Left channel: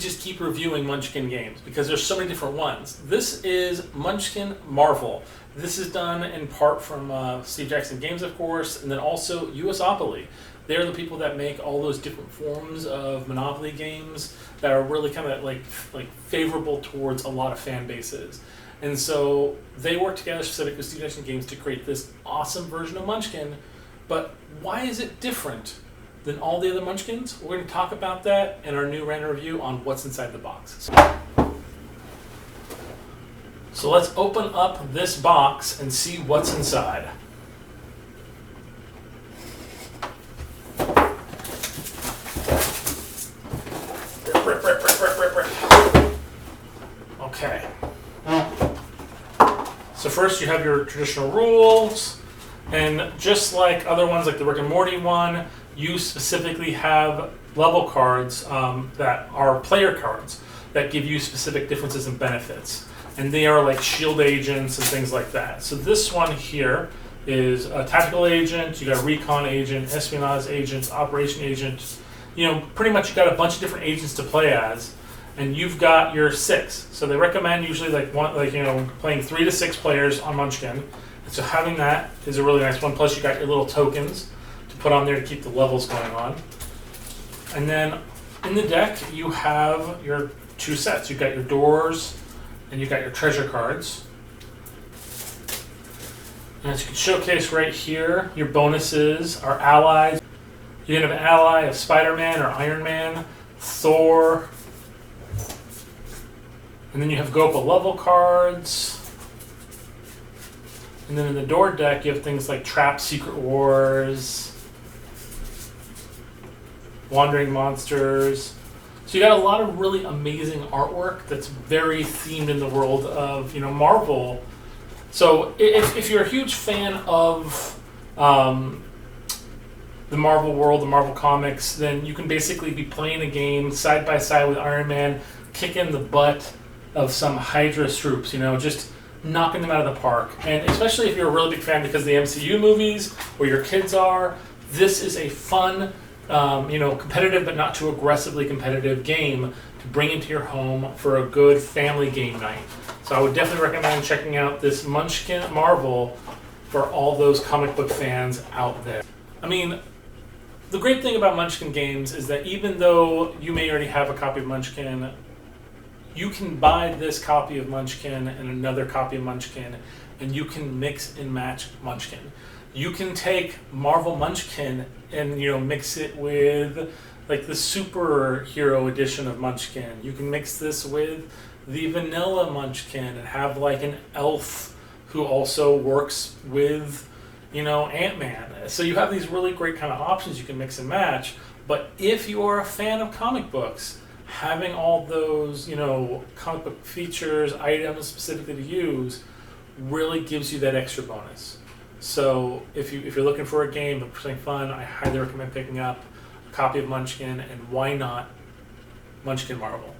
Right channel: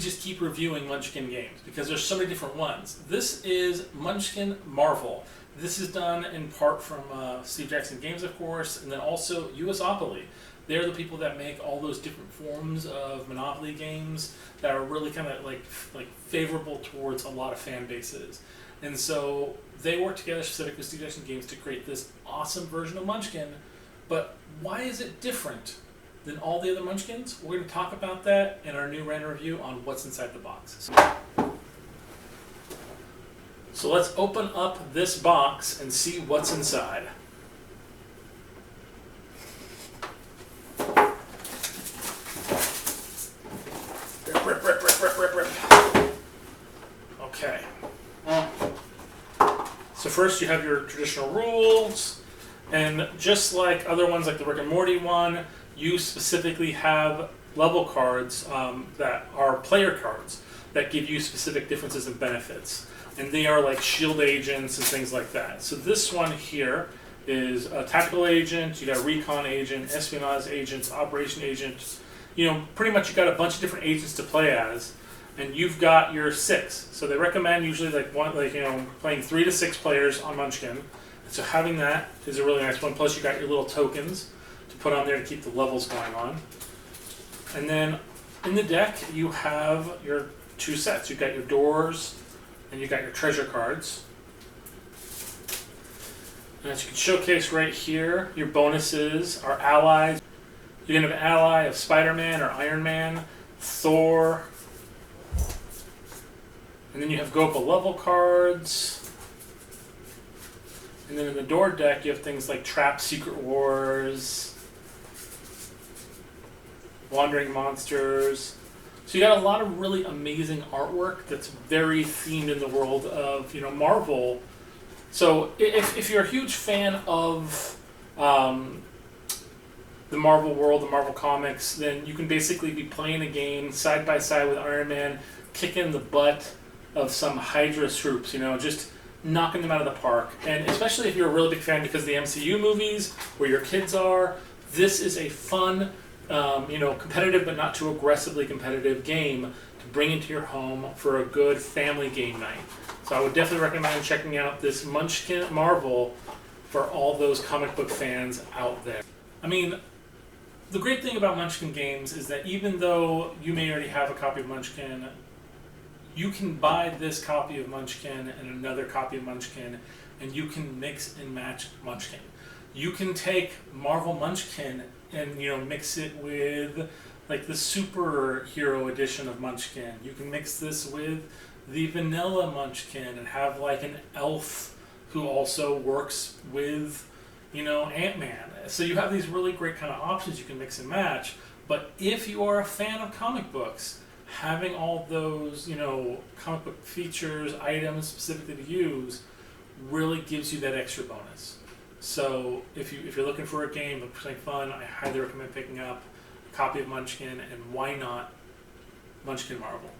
just keep reviewing Munchkin games? Because there's so many different ones. This is Munchkin Marvel. This is done in part from Steve Jackson Games, of course, and then also USopoly. They're the people that make all those different forms of Monopoly games that are really kind of like favorable towards a lot of fan bases. And so they work together specifically with Steve Jackson Games to create this awesome version of Munchkin. But why is it different than all the other Munchkins? We're going to talk about that in our new random review on what's inside the box. So let's open up this box and see what's inside. Okay. So first you have your traditional rules, and just like other ones like the Rick and Morty one, you specifically have level cards that are player cards that give you specific differences and benefits. And they are like shield agents and things like that. So this one here is a tactical agent, you got a recon agent, espionage agent, operation agent. You know, pretty much you got a bunch of different agents to play as, and you've got your 6. So they recommend usually playing 3 to 6 players on Munchkin. And so having that is a really nice one. Plus you got your little tokens to put on there to keep the levels going on. And then in the deck you have your 2 sets. You've got your doors and you got your treasure cards. And as you can showcase right here, your bonuses are allies. You can have an ally of Spider-Man or Iron Man, Thor, and then you have Gopa level cards. And then in the door deck, you have things like Trap Secret Wars, Wandering Monsters. So you got a lot of really amazing artwork that's very themed in the world of Marvel. So if you're a huge fan of the Marvel world, the Marvel comics, then you can basically be playing a game side by side with Iron Man, kicking the butt of some Hydra troops, just knocking them out of the park. And especially if you're a really big fan because of the MCU movies, where your kids are, this is a fun, competitive but not too aggressively competitive game to bring into your home for a good family game night. So I would definitely recommend checking out this Munchkin Marvel for all those comic book fans out there. I mean, the great thing about Munchkin games is that even though you may already have a copy of Munchkin, you can buy this copy of Munchkin and another copy of Munchkin, and you can mix and match Munchkin. You can take Marvel Munchkin and mix it with like the superhero edition of Munchkin. You can mix this with the vanilla Munchkin and have like an elf who also works with Ant-Man. So you have these really great kind of options you can mix and match. But if you are a fan of comic books, having all those comic book features, items specifically to use, really gives you that extra bonus. So if you're looking for a game, looking for something fun, I highly recommend picking up a copy of Munchkin, and why not Munchkin Marvel.